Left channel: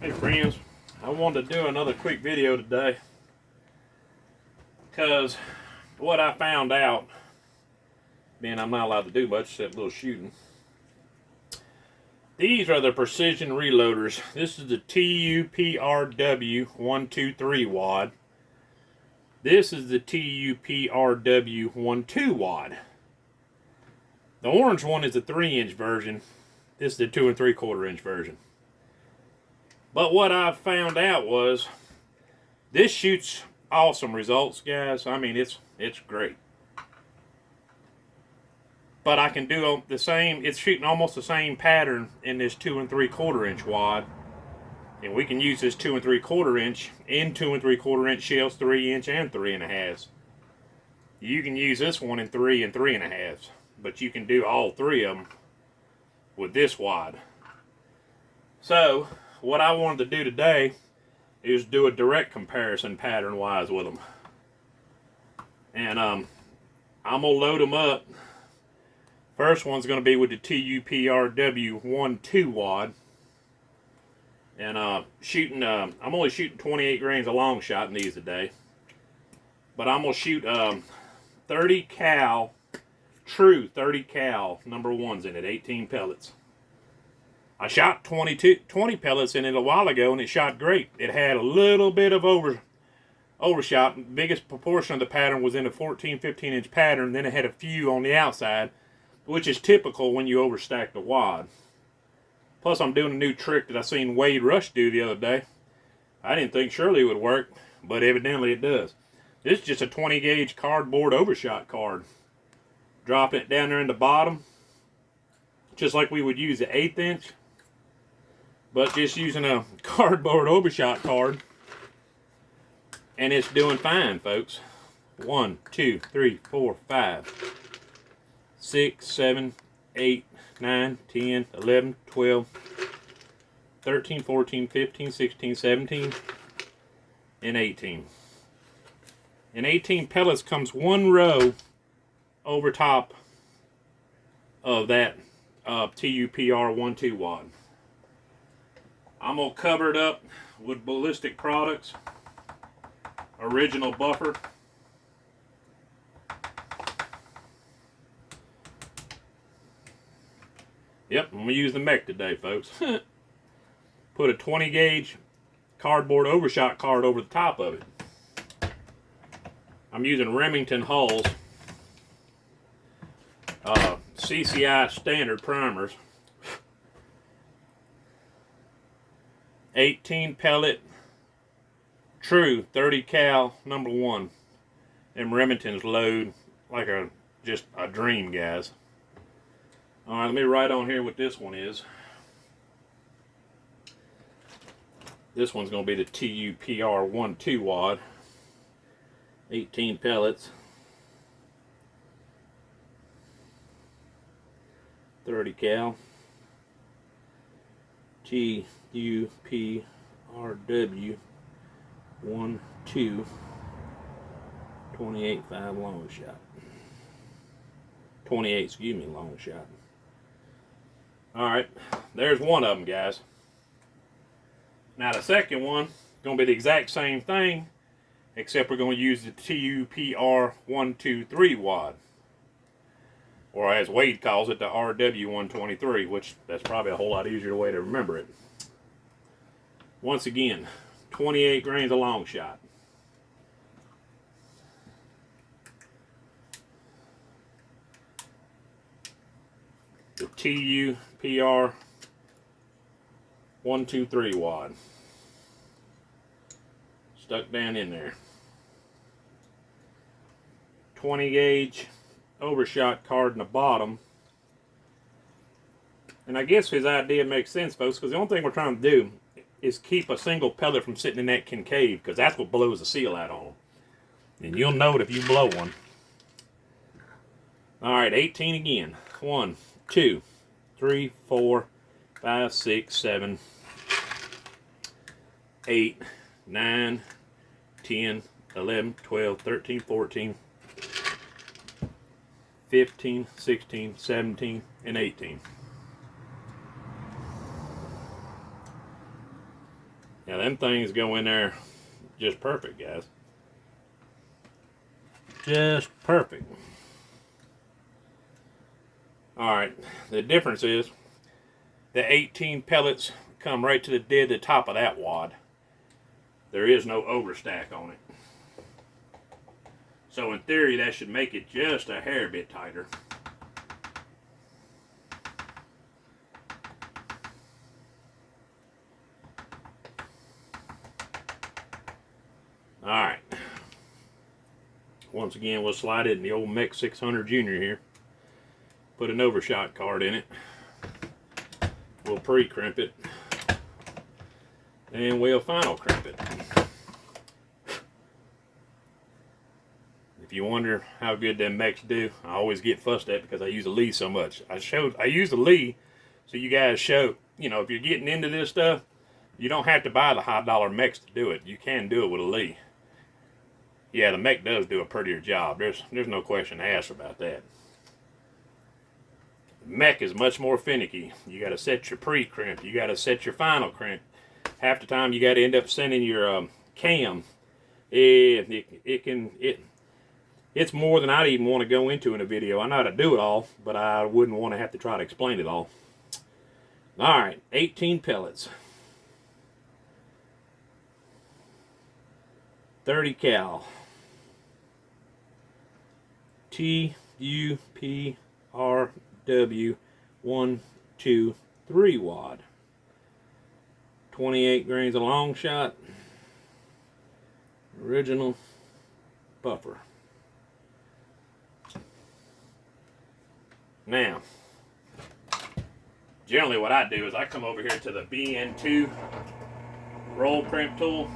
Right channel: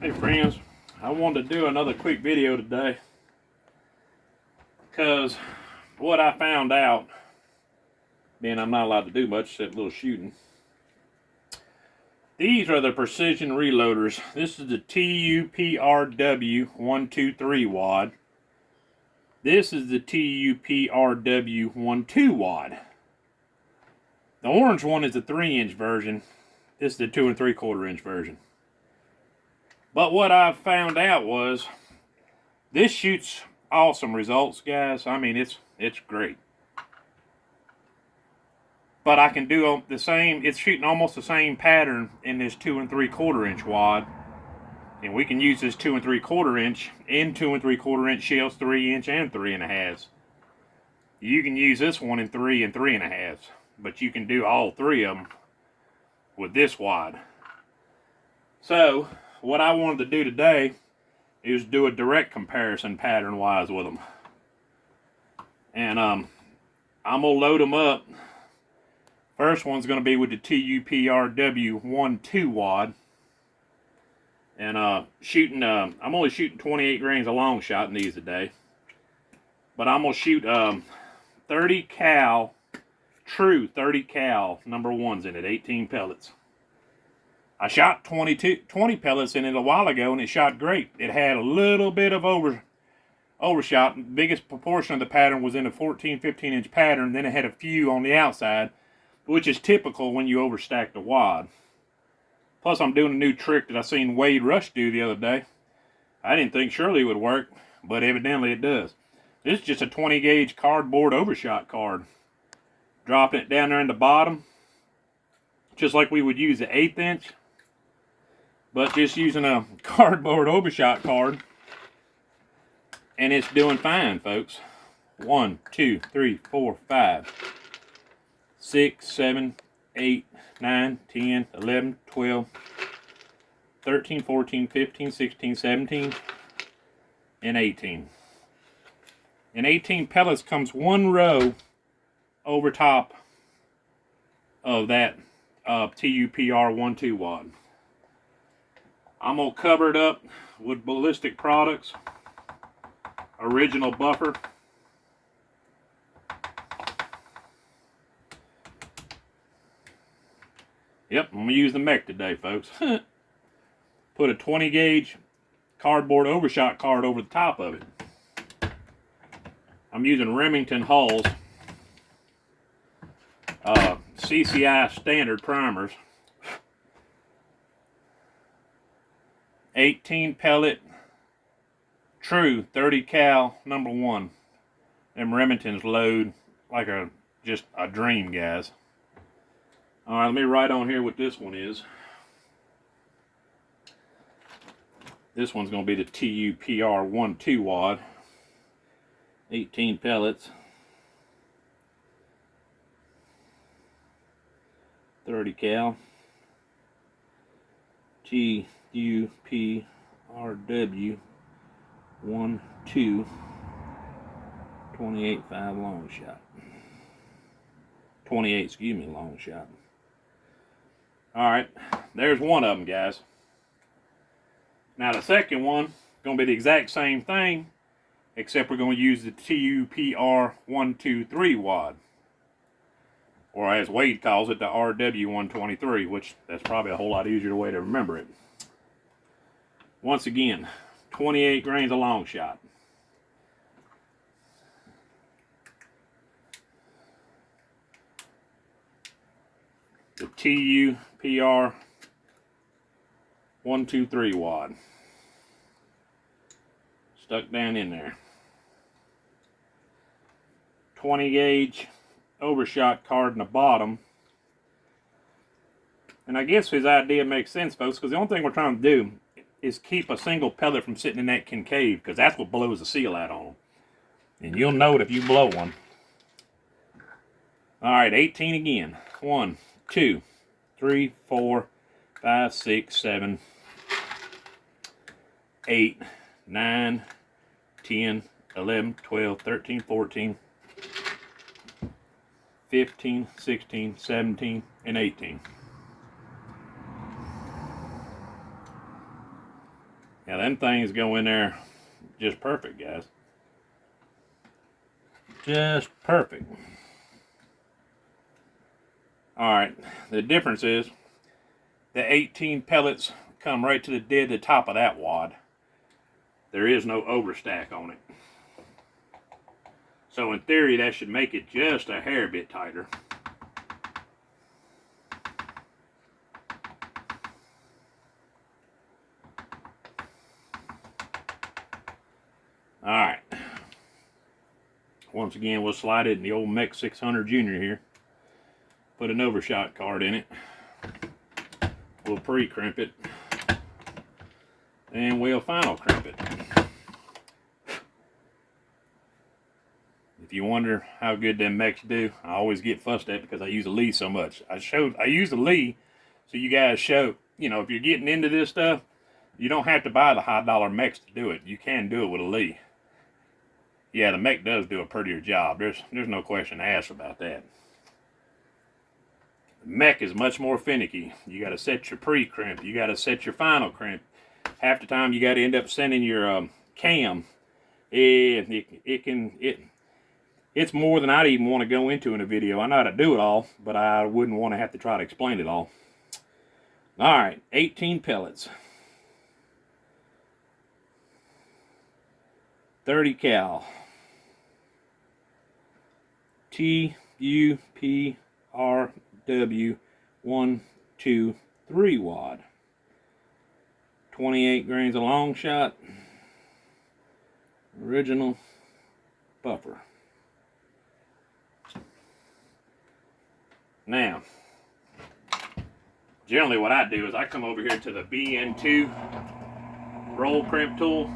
Hey friends, I wanted to do another quick video today because what I found out, being I'm not allowed to do much except a little shooting, these are the precision reloaders. This is the tuprw123 wad. This is the tuprw12 wad. The orange one is the 3-inch version. This is the 2 3/4 inch version. But what I found out was this shoots awesome results, guys. I mean, it's great. But I can do the same. It's shooting almost the same pattern in this 2 3/4 inch wad, and we can use this 2 3/4 inch in 2 3/4 inch shells, 3-inch and 3.5. You can use this one in 3 and 3.5, but you can do all three of them with this wad. So what I wanted to do today is do a direct comparison pattern wise with them. And I'm going to load them up. First one's going to be with the tuprw12 wad. And I'm only shooting 28 grains of long shot in these today. But I'm going to shoot 30 cal, true 30 cal number ones in it, 18 pellets. I shot 20 pellets in it a while ago, and it shot great. It had a little bit of overshot. The biggest proportion of the pattern was in a 14-15 inch pattern. Then it had a few on the outside, which is typical when you overstack the wad. Plus, I'm doing a new trick that I seen Wade Rush do the other day. I didn't think surely it would work, but evidently it does. This is just a 20 gauge cardboard overshot card. Dropping it down there in the bottom, just like we would use the 1/8 inch. But just using a cardboard overshot card, and it's doing fine, folks. 1, 2, 3, 4, 5, 6, 7, 8, 9, 10, 11, 12, 13, 14, 15, 16, 17, and 18. And 18 pellets comes one row over top of that TUPR12 wad. I'm going to cover it up with Ballistic Products original buffer. Yep, I'm going to use the mech today, folks. Put a 20 gauge cardboard overshot card over the top of it. I'm using Remington hulls, CCI standard primers. 18 pellet, true 30 cal number one. Them Remingtons load like just a dream, guys. All right, let me write on here what this one is. This one's going to be the TUPR12 wad. 18 pellets. 30 cal. TUPRW12 28.5 long shot. 28, excuse me, long shot. Alright, there's one of them, guys. Now the second one is going to be the exact same thing, except we're going to use the TUPR123 wad. Or as Wade calls it, the RW123, which that's probably a whole lot easier way to remember it. Once again, 28 grains of long shot. The TUPR123 wad. Stuck down in there. 20 gauge overshot card in the bottom. And I guess his idea makes sense, folks, because the only thing we're trying to do is keep a single pellet from sitting in that concave, because that's what blows the seal out on them. And you'll know it if you blow one. Alright, 18 again. 1, 2, 3, 4, 5, 6, 7, 8, 9, 10, 11, 12, 13, 14, 15, 16, 17, and 18. Now them things go in there just perfect, guys. Just perfect. Alright, the difference is the 18 pellets come right to the dead the top of that wad. There is no overstack on it. So in theory, that should make it just a hair bit tighter. Alright. Once again, we'll slide it in the old Mech 600 Junior here. Put an overshot card in it. We'll pre-crimp it. And we'll final crimp it. If you wonder how good them mechs do, I always get fussed at because I use a Lee so much. I use the Lee so you guys show, you know, if you're getting into this stuff, you don't have to buy the high dollar mechs to do it. You can do it with a Lee. Yeah, the mech does do a prettier job. There's no question asked about that. The mech is much more finicky. You got to set your pre-crimp. You got to set your final crimp. Half the time you got to end up sending your cam. It's more than I'd even want to go into in a video. I know how to do it all, but I wouldn't want to have to try to explain it all. Alright, 18 pellets. 30 cal. tuprw123 wad. 28 grains of long shot. Original buffer. Now, generally what I do is I come over here to the BN2 roll crimp tool.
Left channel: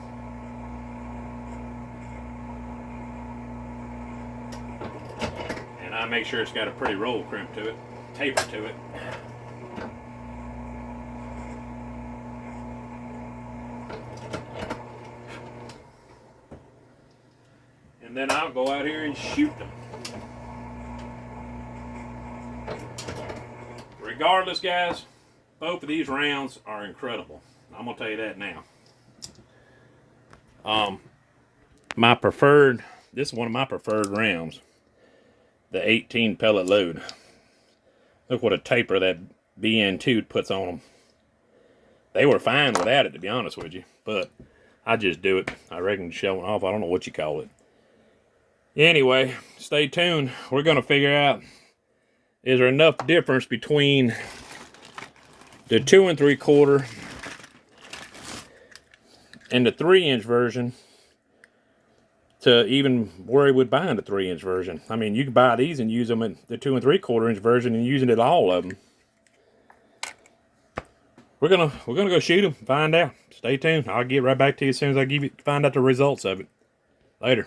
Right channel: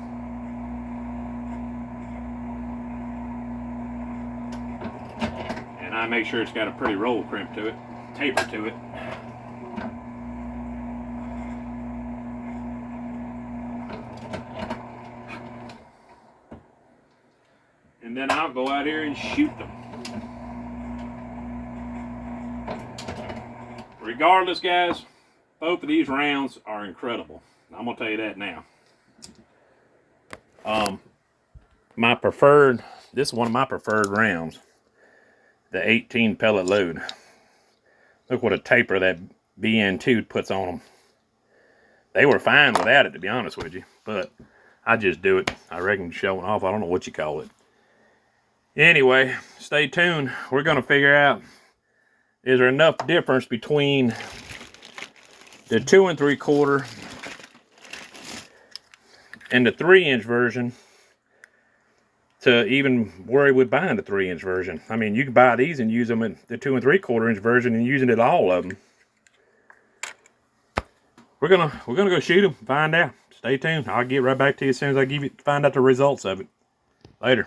And I make sure it's got a pretty roll crimp to it, taper to it. And then I'll go out here and shoot them. Regardless, guys, both of these rounds are incredible. I'm going to tell you that now. This is one of my preferred rounds. The 18 pellet load. Look what a taper that BN2 puts on them. They were fine without it, to be honest with you. But I just do it. I reckon showing off. I don't know what you call it. Anyway, stay tuned. We're going to figure out, is there enough difference between the 2 3/4 and the 3-inch version to even worry with buying the 3-inch version. I mean, you can buy these and use them in the 2 3/4 inch version and using it all of them. We're gonna go shoot them, find out. Stay tuned. I'll get right back to you as soon as I find out the results of it. Later.